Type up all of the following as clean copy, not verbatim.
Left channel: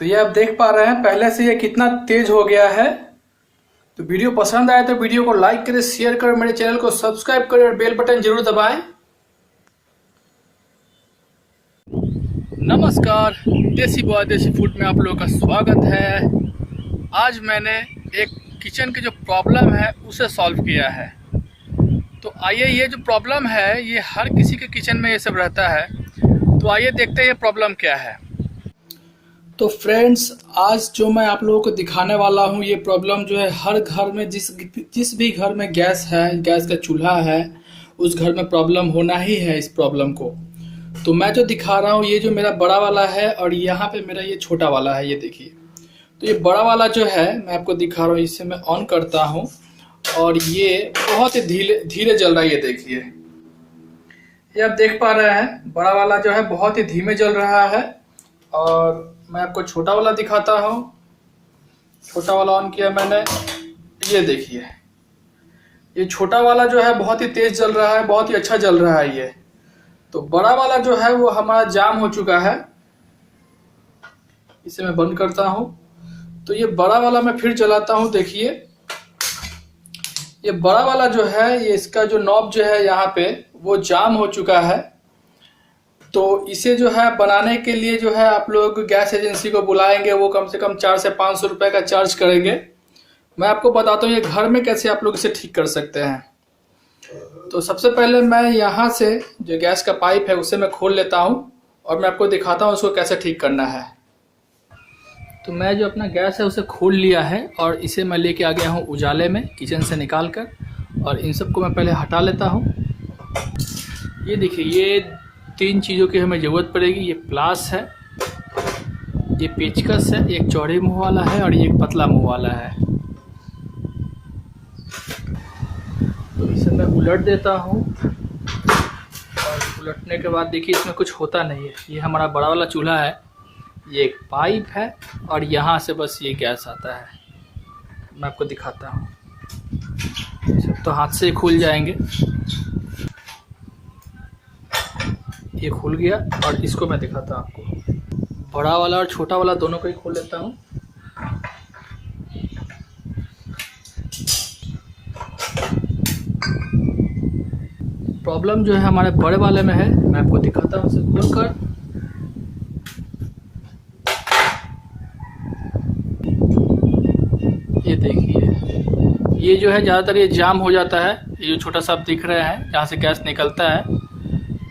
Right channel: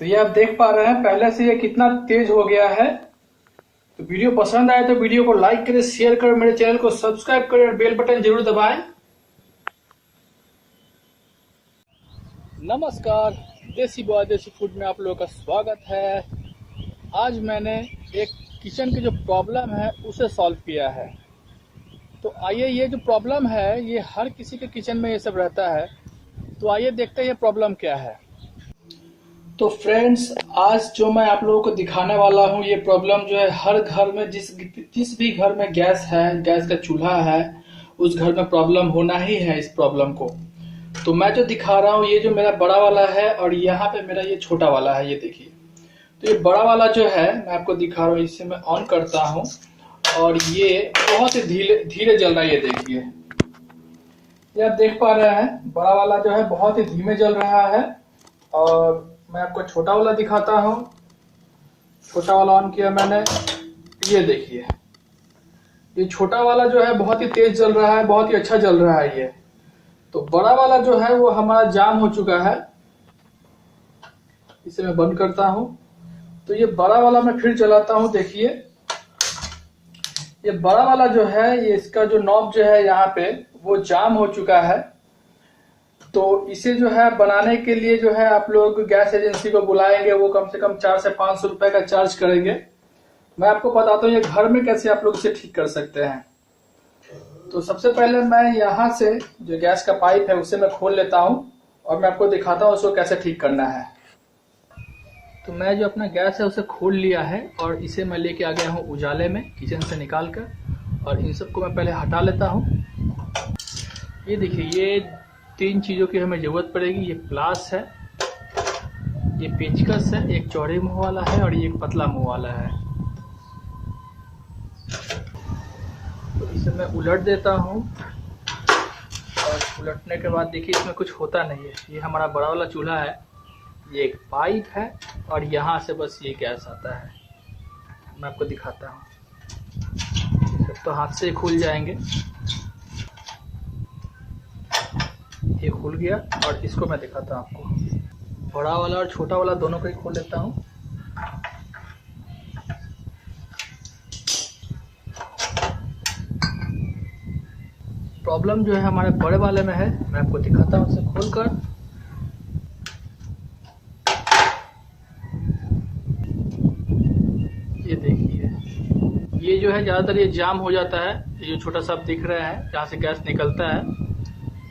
तो ये आप देख पा रहे हैं पहले से ये कितना तेज हो गया है। तो वीडियो पसंद आए तो वीडियो को लाइक करें, शेयर करें, मेरे चैनल को सब्सक्राइब करें और बेल बटन जरूर दबाएं। नमस्कार, देसी बॉय देसी फूड में आप लोगों का स्वागत है। आज मैंने एक किचन की जो प्रॉब्लम है उसे सॉल्व किया है। तो आइए, ये जो प्रॉब्लम है ये हर किसी के किचन में ये सब रहता है। तो आइए देखते हैं ये प्रॉब्लम क्या है। तो फ्रेंड्स, आज जो मैं आप लोगों को दिखाने वाला हूँ ये प्रॉब्लम जो है हर घर में, जिस भी घर में गैस है, गैस का चूल्हा है, उस घर में प्रॉब्लम होना ही है इस प्रॉब्लम को। तो मैं जो दिखा रहा हूँ ये जो मेरा बड़ा वाला है और यहाँ पे मेरा ये छोटा वाला है, ये देखिए। तो ये बड़ा वाला जो है मैं आपको दिखा रहा हूँ, इसे मैं ऑन करता हूँ और ये बहुत ही धीरे धीरे जल रहा है। ये देखिए, ये आप देख पा रहे हैं बड़ा वाला जो है बहुत ही धीमे जल रहा है। और मैं आपको छोटा वाला दिखाता हूँ। छोटा वाला ऑन किया मैंने, ये देखिए, ये छोटा वाला जो है बहुत ही तेज जल रहा है, बहुत ही अच्छा जल रहा है ये। तो बड़ा वाला जो है वो हमारा जाम हो चुका है। इसे मैं बंद करता हूँ। तो ये बड़ा वाला मैं फिर चलाता हूँ। देखिए, ये बड़ा वाला जो है ये इसका जो नॉब जो है यहाँ पे वो जाम हो चुका है। तो इसे जो है बनाने के लिए जो है आप लोग गैस एजेंसी को बुलाएंगे, वो कम से कम 400 से 500 रुपए का चार्ज करेंगे। मैं आपको बताता हूँ ये घर में कैसे आप लोग इसे ठीक कर सकते हैं। तो सबसे पहले मैं यहाँ से जो गैस का पाइप है उसे मैं खोल लेता हूँ और मैं आपको दिखाता हूँ उसको कैसे ठीक करना है। तो मैं जो अपना गैस है उसे खोल लिया है और इसे मैं लेके आ गया हूँ उजाले में, किचन से निकाल कर। और इन सबको मैं पहले हटा लेता हूँ। ये देखिए, ये 3 चीज़ों की हमें ज़रूरत पड़ेगी। ये प्लास है, ये पेचकस है, एक चौड़े मुंह वाला है और ये एक पतला मुंह वाला है। तो इसे मैं उलट देता हूँ और उलटने के बाद देखिए इसमें कुछ होता नहीं है। ये हमारा बड़ा वाला चूल्हा है, ये एक पाइप है और यहाँ से बस ये गैस आता है। मैं आपको दिखाता हूँ। सब तो हाथ से खुल जाएंगे। ये खुल गया और इसको मैं दिखाता हूँ आपको। बड़ा वाला और छोटा वाला दोनों को ही खोल लेता हूँ। प्रॉब्लम जो है हमारे बड़े वाले में है, मैं आपको दिखाता हूँ उसे खोल कर। ये देखिए, ये जो है ज़्यादातर ये जाम हो जाता है। ये जो छोटा सा आप दिख रहे हैं जहाँ से गैस निकलता है,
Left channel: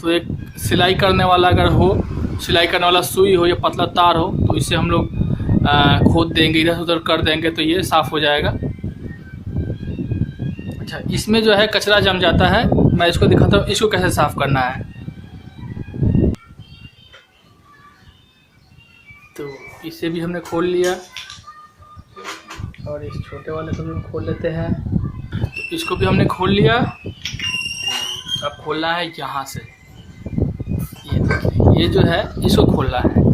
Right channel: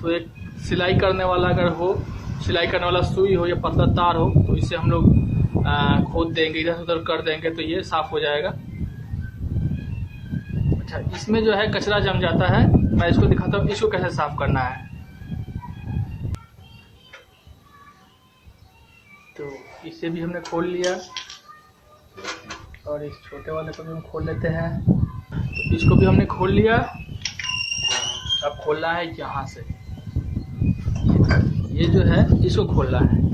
तो एक सिलाई करने वाला अगर हो, सिलाई करने वाला सुई हो या पतला तार हो, तो इसे हम लोग खोद देंगे, इधर उधर कर देंगे तो ये साफ़ हो जाएगा। अच्छा, इसमें जो है कचरा जम जाता है। मैं इसको दिखाता हूँ इसको कैसे साफ़ करना है। तो इसे भी हमने खोल लिया और इस छोटे वाले को भी हम खोल लेते हैं। तो इसको भी हमने खोल लिया। अब खोलना है यहाँ से, ये जो है इसको खोलना है।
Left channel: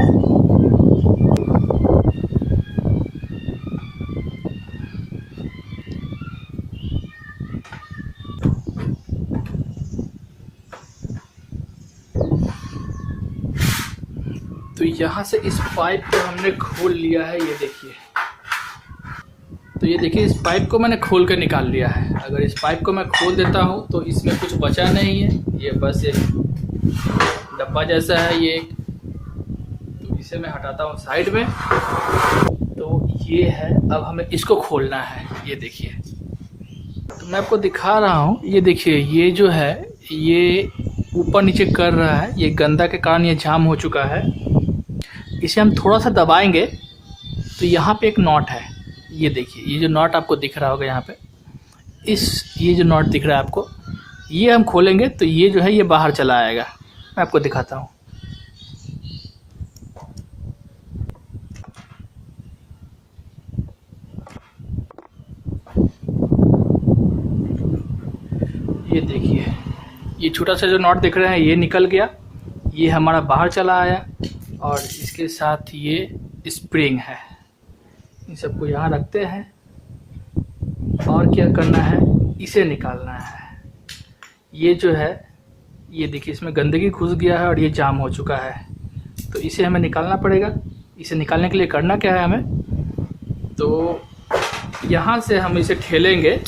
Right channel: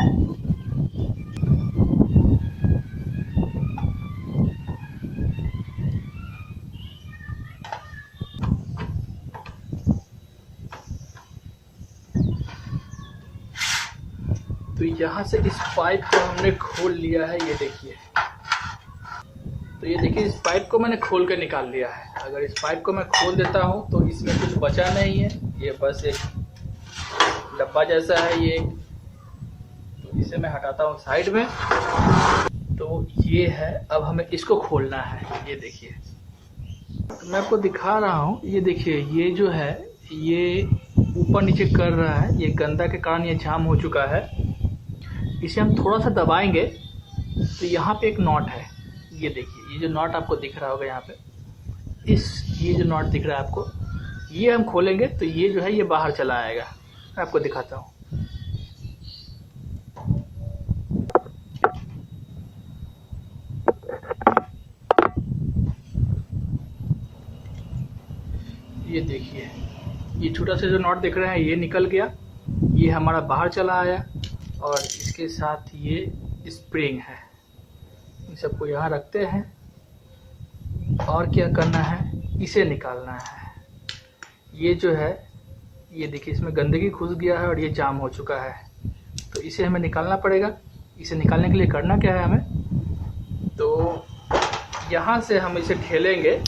तो यहाँ से इस पाइप को हमने खोल लिया है, ये देखिए। तो ये देखिए, इस पाइप को मैंने खोल कर निकाल लिया है। अगर इस पाइप को मैं खोल देता हूँ तो इसमें कुछ बचा नहीं है, ये बस एक डब्बा जैसा है ये। तो इसे मैं हटाता हूँ साइड में। तो ये है, अब हमें इसको खोलना है। ये देखिए, तो मैं आपको दिखा रहा हूँ। ये देखिए, ये जो है ये ऊपर नीचे कर रहा है, ये गंदा के कारण ये जाम हो चुका है। इसे हम थोड़ा सा दबाएंगे तो यहाँ पे एक नॉट है। ये देखिए, ये जो नॉट आपको दिख रहा होगा यहाँ पे, ये जो नॉट दिख रहा है आपको, ये हम खोलेंगे तो ये जो है ये बाहर चला आएगा। मैं आपको दिखाता हूँ। ये देखिए, ये छोटा सा जो नॉट दिख रहा है ये निकल गया, ये हमारा बाहर चला आया। और इसके साथ ये स्प्रिंग है। इन सबको यहाँ रखते हैं और क्या करना है, इसे निकालना है। ये जो है ये देखिए, इसमें गंदगी घुस गया है और ये जाम हो चुका है। तो इसे हमें निकालना पड़ेगा। इसे निकालने के लिए करना क्या है हमें, तो यहाँ से हम इसे ठेलेंगे।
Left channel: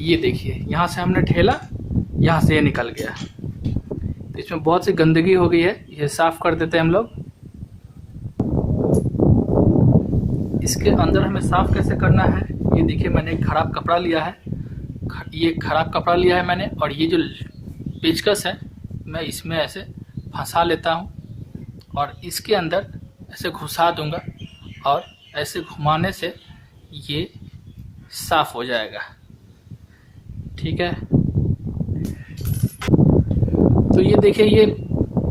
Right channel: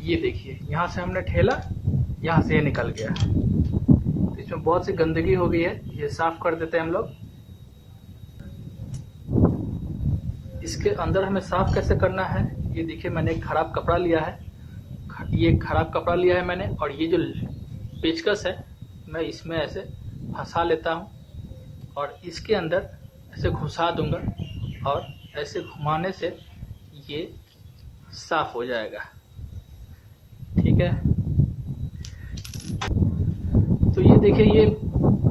ये देखिए यहाँ से हमने ठेला, यहाँ से ये निकल गया। तो इसमें बहुत सी गंदगी हो गई है, ये साफ़ कर देते हैं हम लोग। इसके अंदर हमें साफ़ कैसे करना है, ये देखिए मैंने एक ख़राब कपड़ा लिया है, ये ख़राब कपड़ा लिया है मैंने, और ये जो पेचकस है मैं इसमें ऐसे फंसा लेता हूँ और इसके अंदर ऐसे घुसा दूँगा और ऐसे घुमाने से ये साफ़ हो जाएगा। ठीक है, तो ये देखिए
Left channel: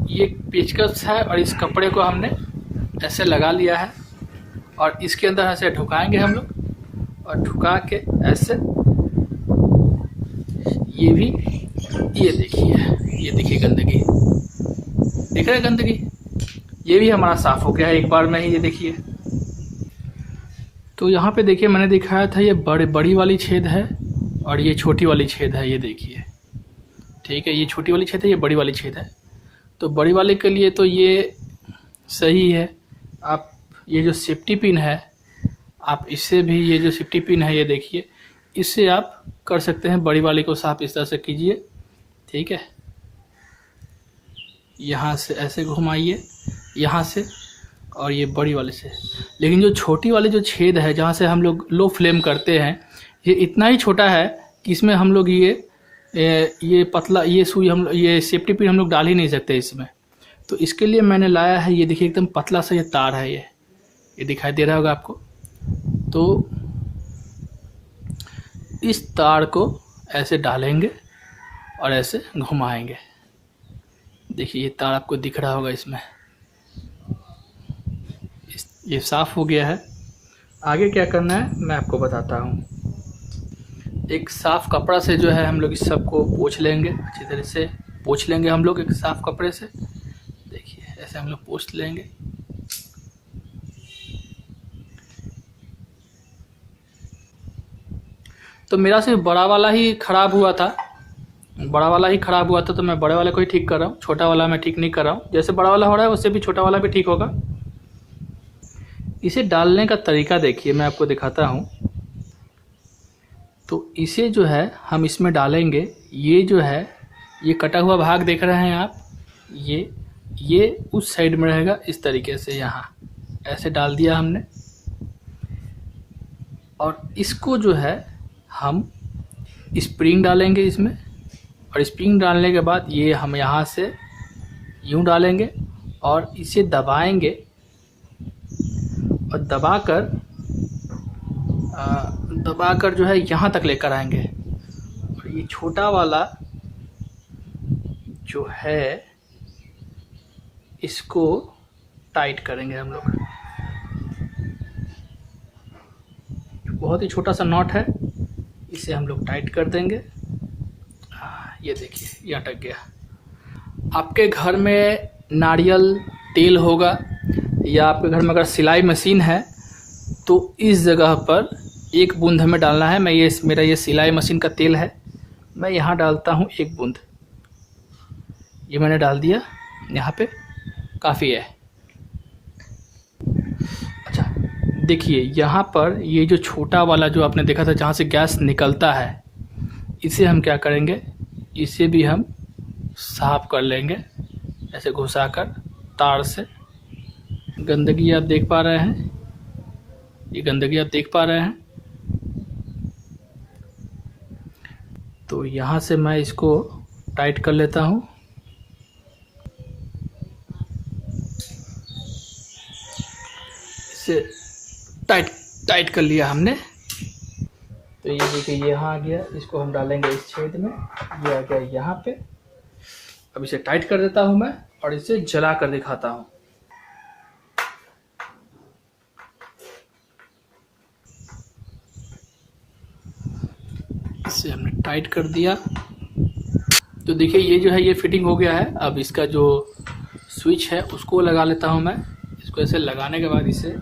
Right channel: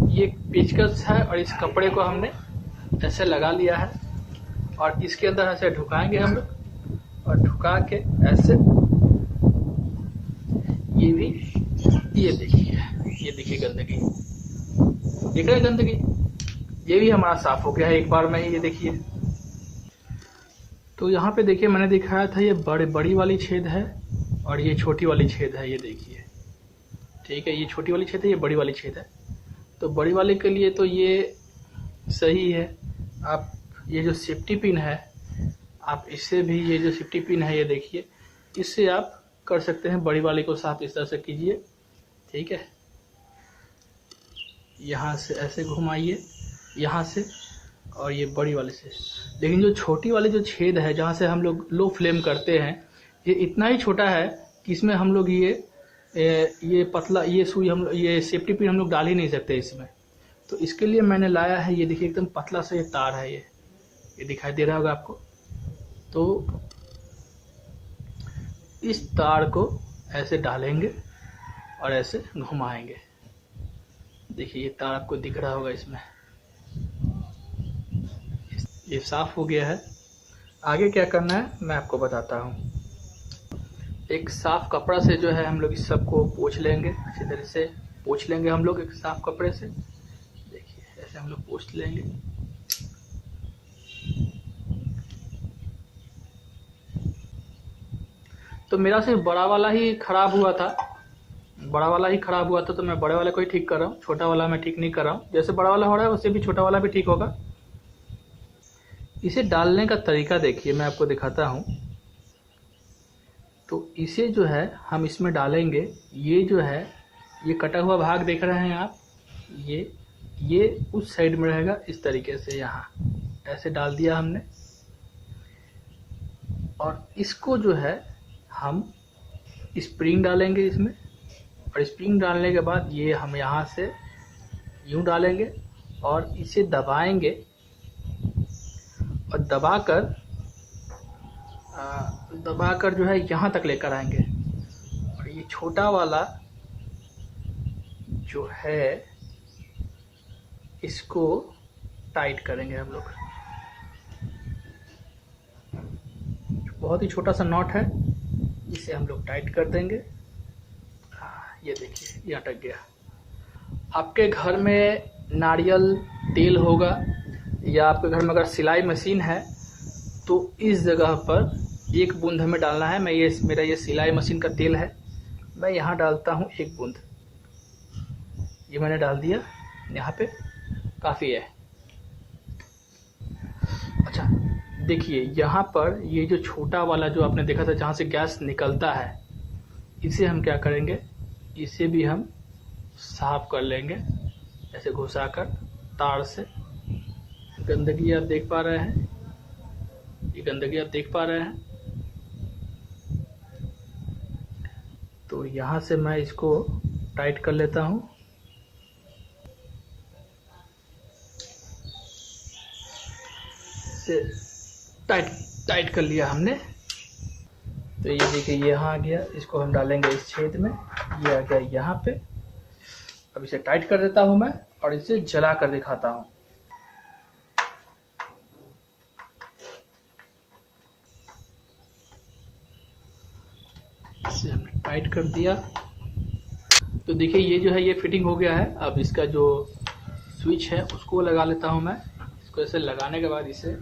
ये पेचकस है और इस कपड़े को हमने ऐसे लगा लिया है और इसके अंदर ऐसे ढुकाएंगे हम लोग और ढुका के ऐसे ये देखिए गंदगी दिख रहा है, गंदगी ये भी हमारा साफ़ हो गया है एक बार में ही। ये देखिए, तो यहाँ पे देखिए मैंने दिखाया था ये बड़ी वाली छेद है और ये छोटी वाली छेद है, ये देखिए। ठीक है, ये छोटी वाली छेद है, ये बड़ी वाली छेद है। तो बड़ी वाले के लिए तो ये सही है। आप ये जो सेफ्टी पिन है, आप इससे भी, ये जो सेफ्टी पिन है ये देखिए, इससे आप कर सकते हैं। बड़ी वाले को साफ इस तरह से कीजिए। ठीक है, यहाँ से ऐसे घुमाइए, यहाँ से, और ये बड़ी वाले से। लेकिन जो छोटी वाली जो छेद है जहाँ से हम लोग लो फ्लेम करते हैं, ये इतना ही छोटा है कि इसमें हम लोग ये पतला ये सुई ये सेफ्टी पिन हम लोग डाल ही नहीं सकते इसमें। तो इसके लिए मैंने लाया है, ये देखिए एकदम पतला सा ये तार है, ये दिखाई दे रहा होगा आपको। तो इस तार को ऐसे डालेंगे और ऐसे घुमाएंगे। देखिए ये तार आपको दिख रहा होगा इसमें। ये साफ़ हो गया है। आगे क्या करना है मैं आपको बताता हूँ। एक साफ़ कपड़ा से जो है हम लोग इस सब को पोंछ लेंगे, अच्छी तरह से पोंछ लेंगे हम लोग एक साफ़ कपड़े से। देखिए ऐसे हम लोग पोंछ लेंगे। तो मेरा सिर्फ बड़ा वाला ही ख़राब हुआ था, तो मैं बड़े वाले को ही ठीक कर रहा हूँ, छोटा वाला मैं ठीक नहीं कर रहा हूँ। जैसे बड़ा वाला हो रहा है उससे भी छोटा वाला भी ठीक होगा। इसे डालने का तरीका देखिए, मैं आपको दिखाता हूँ। तो इसे जो है हम इसमें डालेंगे। ये जो है ये कटा हुआ भाग देख रहे हैं आप, ये उस साइड में रहेगा इस तरीके से। यहाँ ऐसे डाल दिया हमने और इसको जो है हम स्प्रिंग डालेंगे इसमें, और स्प्रिंग डालने के बाद ये हम यहाँ से यूँ डालेंगे और इसे दबाएंगे और दबाकर जो है यहाँ तक लेकर आएंगे। और ये छोटा वाला जो है इसको टाइट करेंगे हम लोग। बहुत ही छोटा सा नॉट है, इसे हम लोग टाइट कर देंगे। ये देखिए ये अटक गया। आपके घर में नारियल तेल होगा या आपके घर में अगर सिलाई मशीन है तो इस जगह पर एक बूंद हमें डालना है। मेरा ये सिलाई मशीन का तेल है, मैं यहाँ डालता हूँ एक बूंद। ये मैंने डाल दिया, यहाँ पे काफ़ी है। अच्छा देखिए यहाँ पर ये जो छोटा वाला जो आपने देखा था जहाँ से गैस निकलता है, इसे हम क्या करेंगे, इसे भी हम साफ कर लेंगे ऐसे घुसाकर तार से। गंदगी आप देख पा रहे हैं, ये गंदगी आप देख पा रहे हैं। तो यहाँ से मैं इसको टाइट कर लेता हूँ। इसे टाइट कर लिया हमने। तो ये देखिए यहाँ आ गया, इसको हम डालेंगे इस छेद में, ये आ गया यहाँ पे। अब इसे टाइट कर देता हूँ मैं और इसे जला कर दिखाता हूँ। इसे हमने टाइट कर दिया। तो देखिए ये जो है ये फिटिंग हो गया है। अब इसका जो स्विच है उसको लगा लेता हूँ मैं। इसको ऐसे लगाने के बाद इसे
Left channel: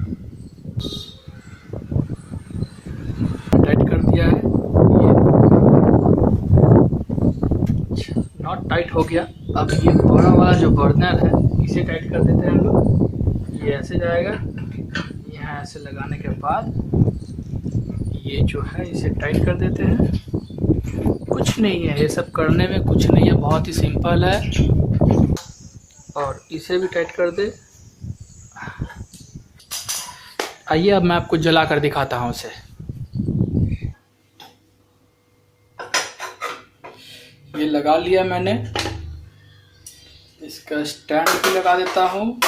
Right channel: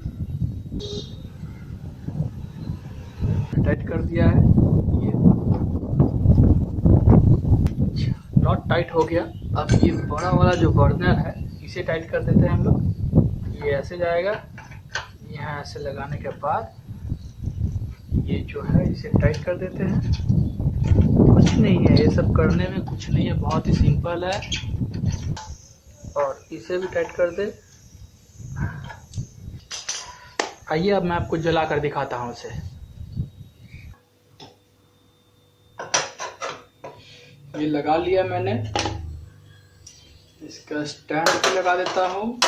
टाइट कर दिया है, ये नॉट टाइट हो गया। अब ये बड़ा वाला जो बर्नर है इसे टाइट कर देते हैं हम लोग। ये ऐसे जाएगा। यहाँ ऐसे लगाने के बाद ये जो है इसे टाइट कर देते हैं। कुछ नहीं है, ये सब करने में कुछ नहीं है, बहुत ही सिंपल है। और इसे भी टाइट कर दे। आइए अब मैं आपको जला कर दिखाता हूँ इसे। ये लगा लिया मैंने, इसका स्टैंड भी लगा देता हूँ।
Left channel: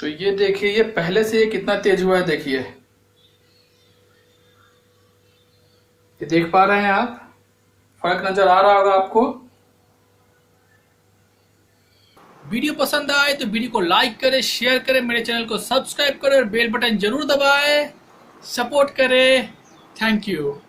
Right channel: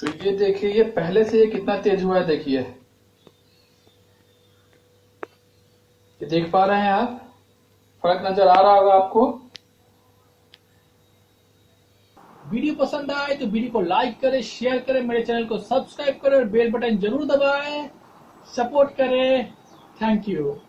तो ये देखिए, ये पहले से ये कितना तेज हुआ है, देखिए। ये देख पा रहे हैं आप? फर्क नजर आ रहा होगा आपको। वीडियो पसंद आए तो वीडियो को लाइक करें, शेयर करें, मेरे चैनल को सब्सक्राइब करें और बेल बटन जरूर दबाएं। सपोर्ट करें। Thank you.